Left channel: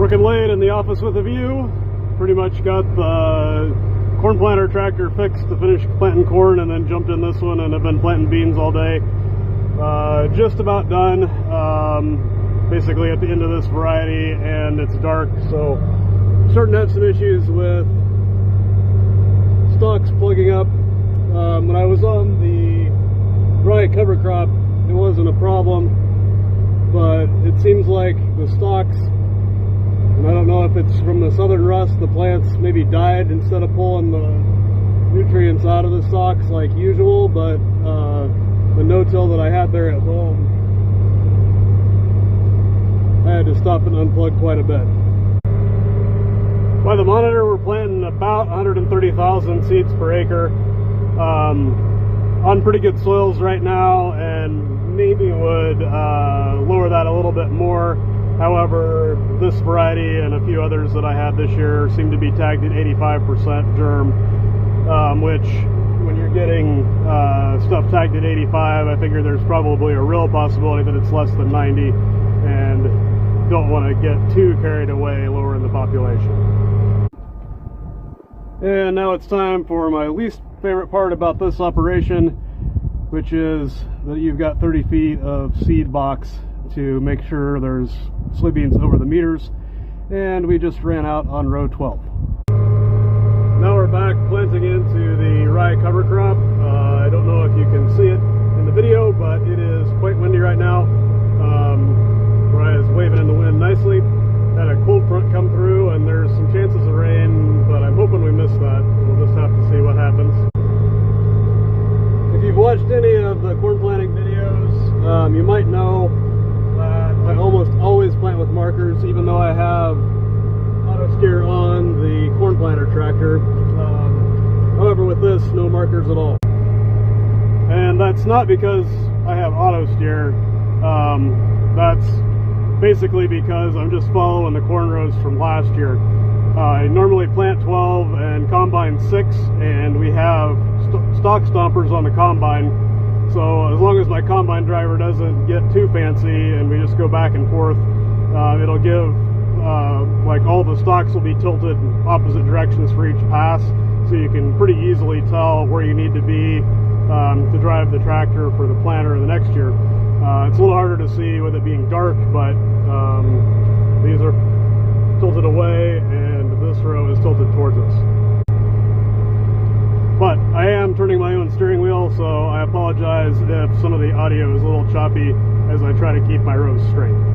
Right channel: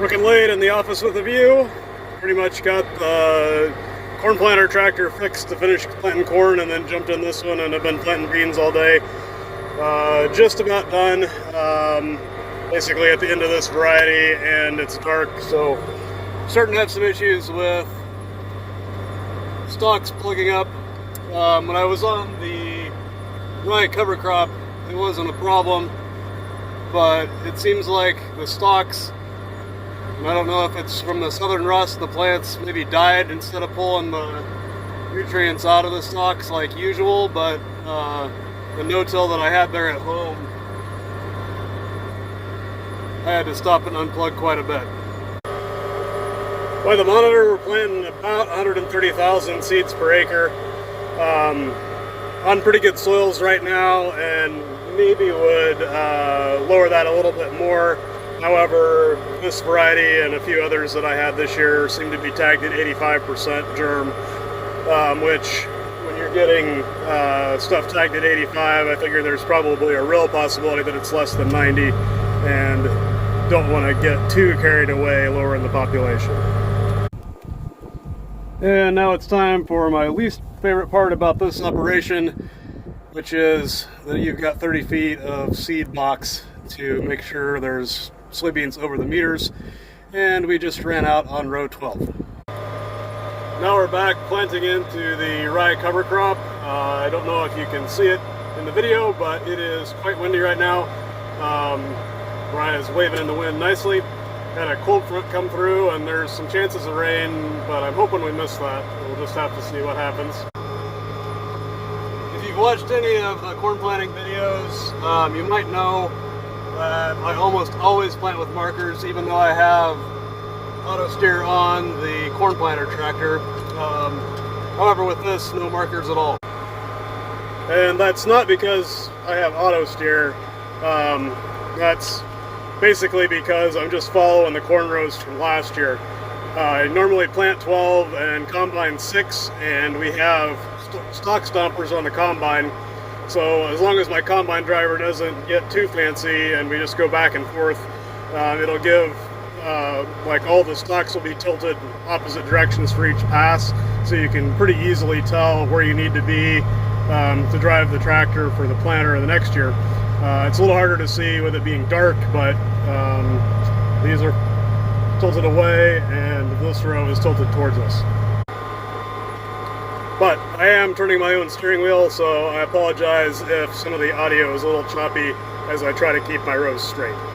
Working late in the office with a view. Pretty much got the corn planter tractor fixed to finish planting corn, and then jumped in this one and have been planting beans all day. Just about done. Basically at the end of this variety, and it's dark, so starting to have some issues with stalks plugging up. When I was on the rye cover crop, it wasn't a problem, but it seems like the stalks, and I don't know if it's from the southern rust, the plants maybe died instead of pulling the nutrients out of the stalks like usual, but the no-till that I had there at home, I had to stop and unplug quite a bit. By the monitor, we're planting about 130,000 seeds per acre on pretty good soils right now, and maybe would lower that a little bit more. However, this variety and a few others that I had this year seem to be tagged at 85% germ, which when you're getting stuff tagged at 85, I figure there's probably a real possibility that it's less than 90, and don't want to get too carried away lowering the population. And now it's time for my least favorite part about this operation, which is that you've got 30 feet of seed box to make sure there's soybeans over the meters, and we just ran out on row 12. Now we're back planting into the rye cover crop. I don't know if you can see it in the video, but it is quite windy right now. Rye is waving in the wind nicely. Had a cold front come through, and there's some chances of rain, but I'm hoping we miss that. We'll just have to see what happens. If you've watched any of the corn planting videos, you might know that I almost always plant with markers, even though I have auto steer on the corn planter tractor. However, with this, no markers at all. And that's not because I have auto steer. That's basically because I'm just following the corn rows from last year. I normally plant 12 and combine 6, and we have stalk stompers on the combine. So as long as my combine driver doesn't get too fancy and we just go back and forth, it'll give, like, all the stalks will be tilted opposite directions for each pass, so you can pretty easily tell where you need to be to drive the tractor for the planter in the next year. It's a little harder to see with it being dark, but these are tilted away and this row is tilted towards us. But I am turning my own steering wheel, so I apologize if some of the audio is a little choppy as I try to keep my rows straight.